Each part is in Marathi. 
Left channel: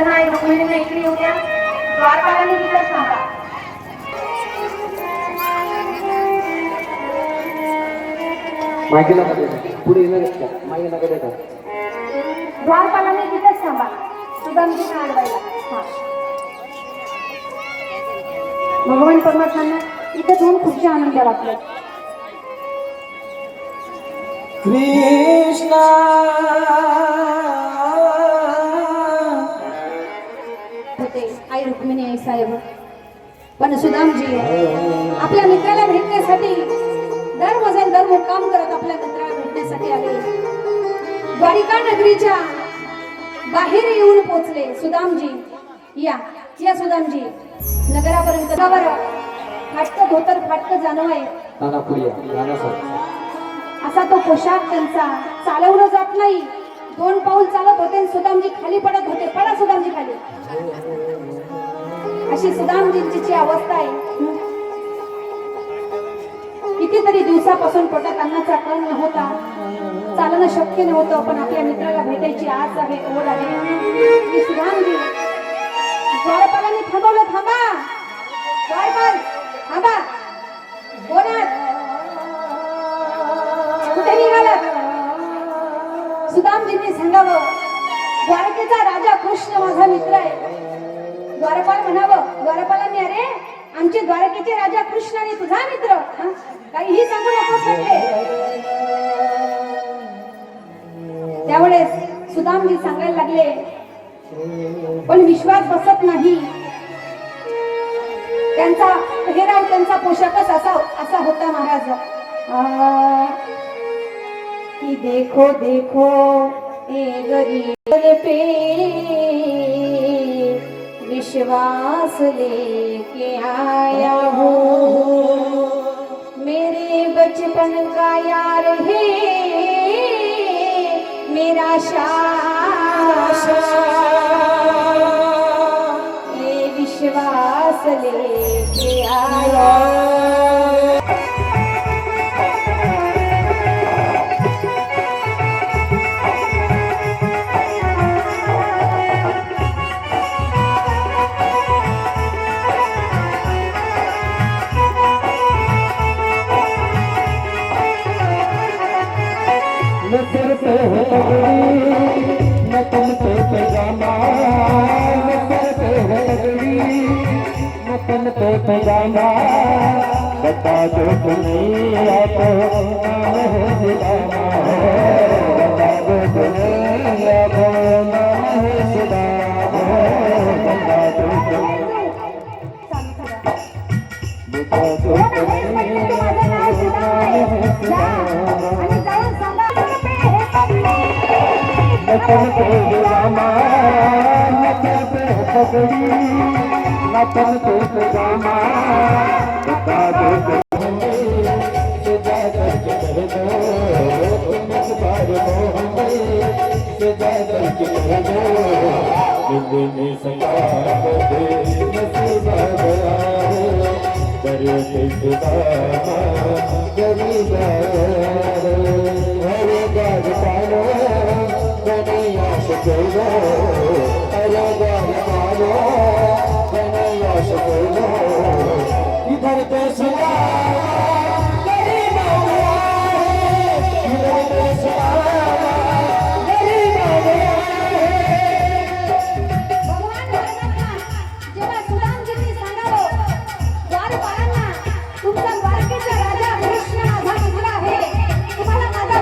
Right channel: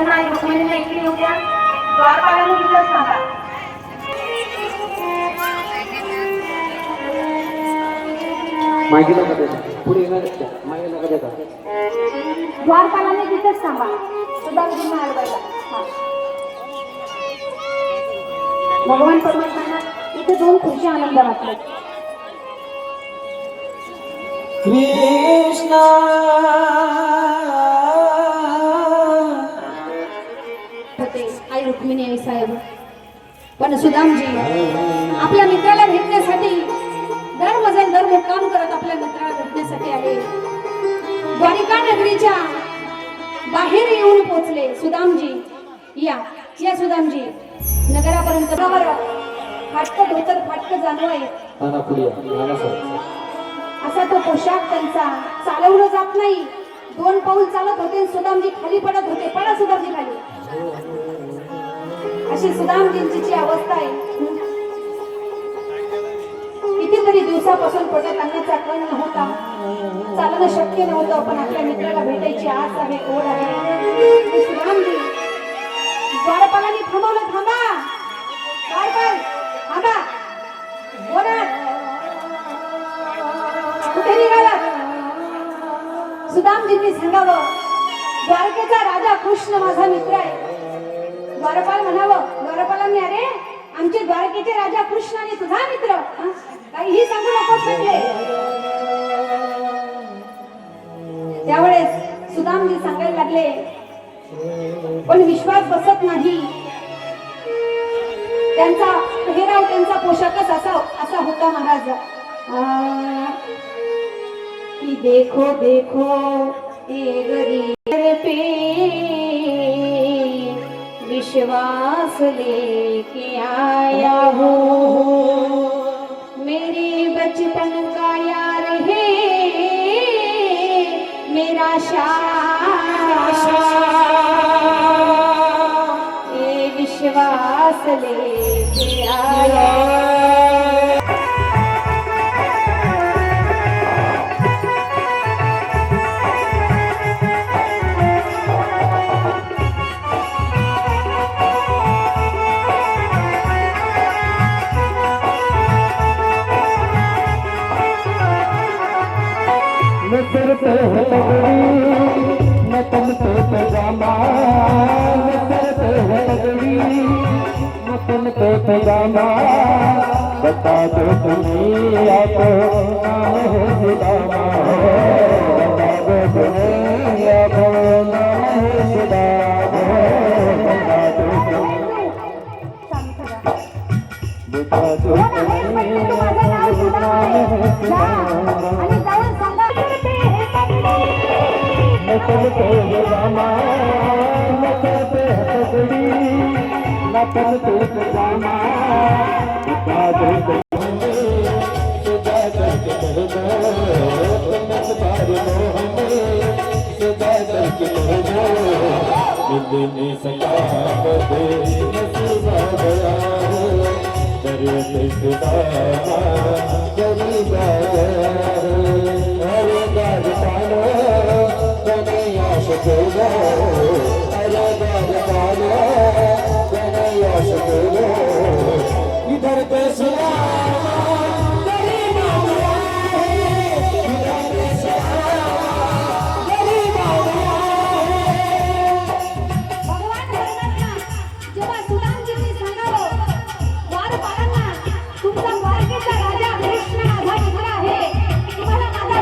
त्यांना आई रुक्मिणीने इकडे येऊ द्या. द्वारपालाने इथंच थांबा. मागे नका देता, पुढे येणार मागे नका देता. द्वारपालाने इथंच थांबा. सुदामजींना अडवायला. भगवान परमात्म्यांना इथे दोन खुर्च्या आनंद वाटले. कृष्णा होते आई रुक्मिणी आई साहेब. पण सुदामजी आपल्या मित्राला भेटण्यासाठी दर मुक्काम करत आपल्या मित्राला भेटण्यासाठी आले. द्वारिका नगरीच्या बाहेर येऊन पोहोचले. सुदामजी या सुदामजी नगरापर्यंत गावावर फाटक धोतर फाटक जाणवाय असा तो पोशाख त्यांचा चालवलं जात नाही. 2 पाऊल चालत होते सुदामजी खाली पडत होते. पडा सुदामजी खाली. अशी सुदामजींची जी अवस्था आहे. कितीतरी दिवसापासून पोटात अन्नाचा कण नव्हता. चालणं शक्य नव्हतं. पण आपल्या मित्राला भेटायची आस आहे, ओढ आहे. सुदामजी द्वारपालाने थांबवलं. थांबा द्वारपाल थांबा. बोलत कुठे निघालात? सुदामजींनी सांगावं द्वारकेचा राजा कृष्ण माझा मित्र आहे. द्वारपाल म्हणावं. द्वारपालांनी अरे आमचे द्वारकेचे राजा कृष्ण आणि तुझा मित्र काहीही सांगू नकोस म्हटले. त्यावेळेस सुदामजी सांगायला लागले पण विश्वास बसत नाही. त्यांचा पेहराव त्यांचा पोशाखच असा होता महाराज कि देखो देखो ए गरीब पे विश्वास लेके आया हो. मेरे बचपन का यार है मेरा विश्वास लेके आया. नजर पे है लगड़ी न तुम पे पैजामा. नजर पे है लगड़ी न तुम पे पैजामा. बता दो तुम्हें आपको नाम है सुदामा. बता दो तुम्हें आपको नाम है सुदामा. बता दो तुम्हें बता दो तुम्हें आपको नाम है सुदामा. नचल पे जामा नचल पे पगड़ी नचल पे जामा. बता दो सुजा करके कह दो तुम सारे मोहम्मद सुजा करके कह दो मिलने सका दे नसीबा दरे से सुदामा गरीबा हरे गाज पालो इधर पे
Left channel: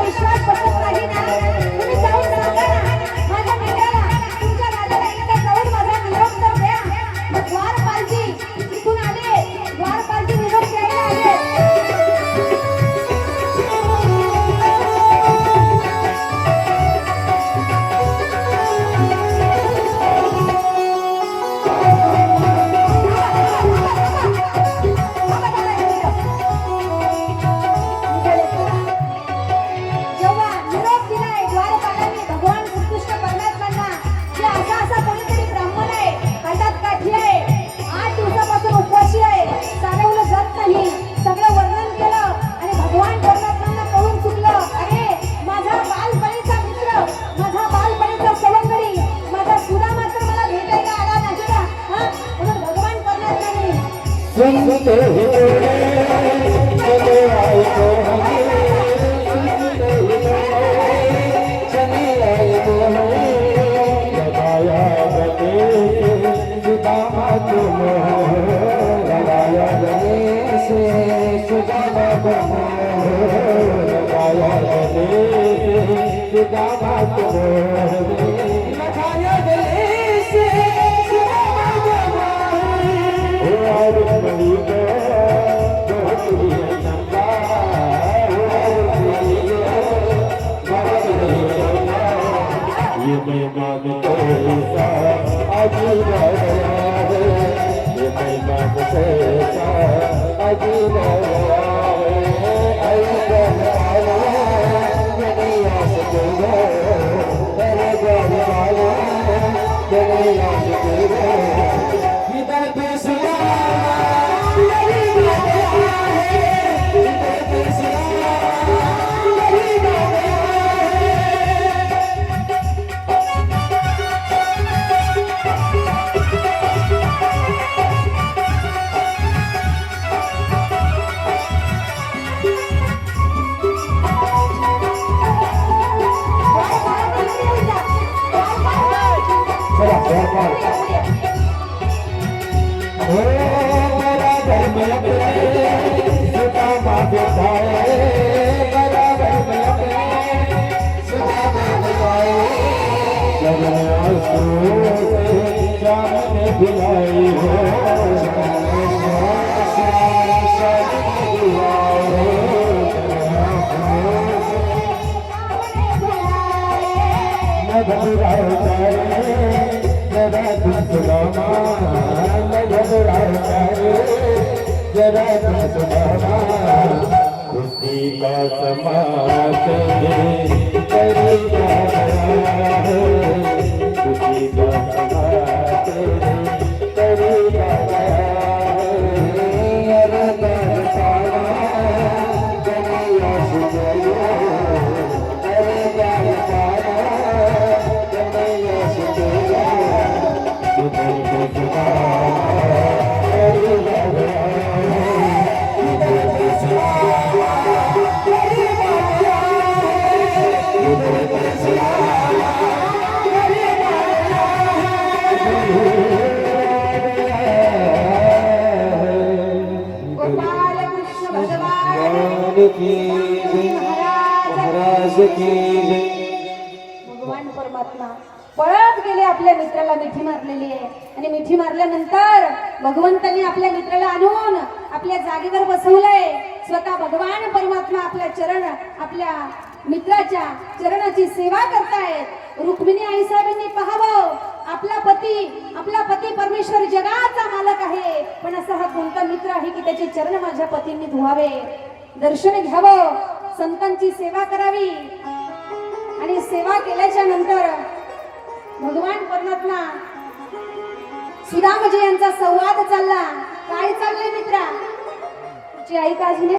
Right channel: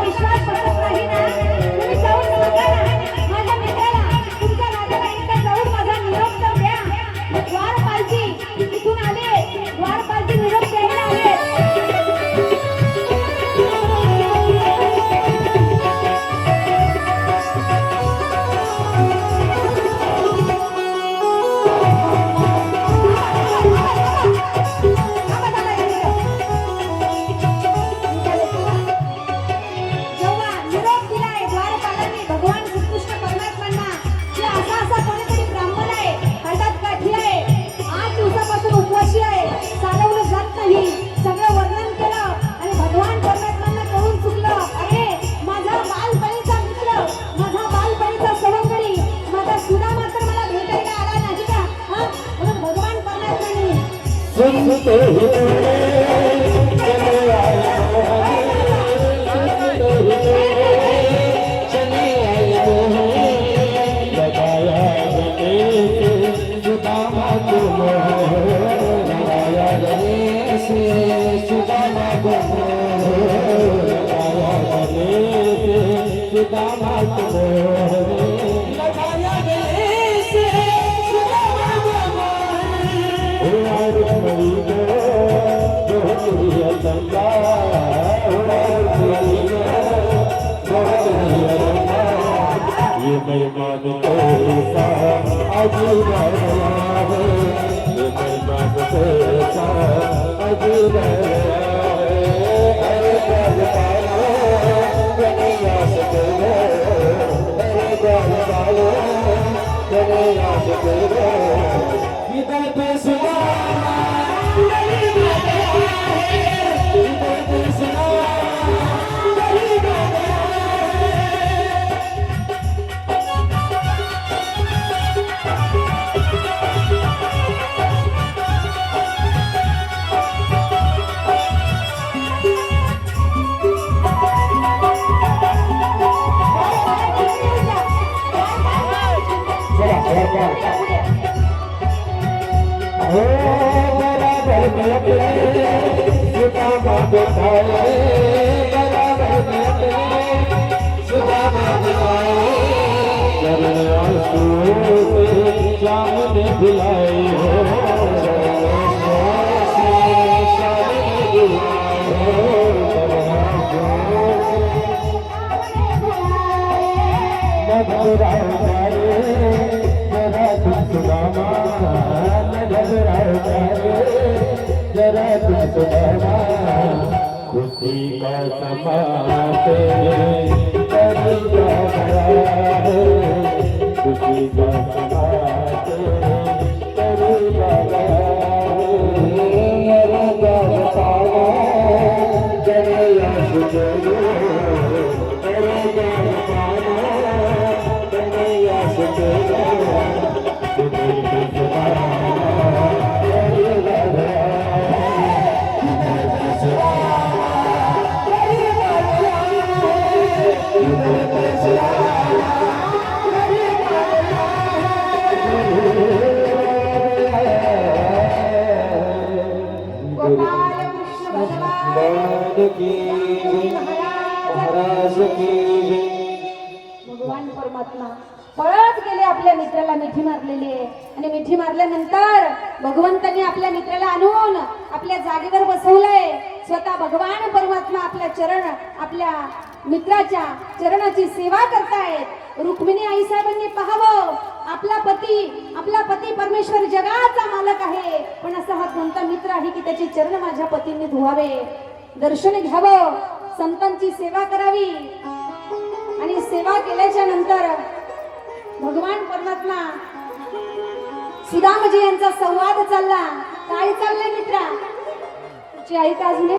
विश्वास बसत नाही ना. तुम्ही जाऊन सांगा ना माझ्या मित्राला तुमच्या राजाला सुनते ही चले आए मोहनी सुनते ही चले आए मोहनी लगाया गले सुदामा तुम लगाया गले से सुदामा तुम लगाया गले सुदामा तुम लगाया गले से सुदामा तुम ये मैदान कैसा अजीब है ये मैदान कैसा अजीब है अरे गल वालो दुनिया से है अरे गल वालो दुनिया से है इधर पैसा खुशी का समाते खुशी का समाते महाराज की भगवान परमात्मा पळत गेले, आपल्या मित्राला मिठी मारलेली आहे आणि मिठी मारल्यानंतर भगवंतांनी आपल्या मित्राला आणून आपल्या जागेवर बसवलंय. स्वतः भगवान परमात्मा आपल्या मित्राच्या चरणाची सेवा करतायत. रुक्मिणी आई साहेबांनी पाहावं, आपला पती परमेश्वर जगाचा मालक आहे, पण असा हा कोणता मित्र आहे की त्याचे चरण माझ्या पतींनी धुवावे, दर्शन घ्यावं, संतांची सेवा करावी. आणि सेवा केल्याच्या नंतर भगवान परमात्मा सुदामजी यांचा संवाद चालला. काय चाललंय मित्रा? तुझी आई का अजून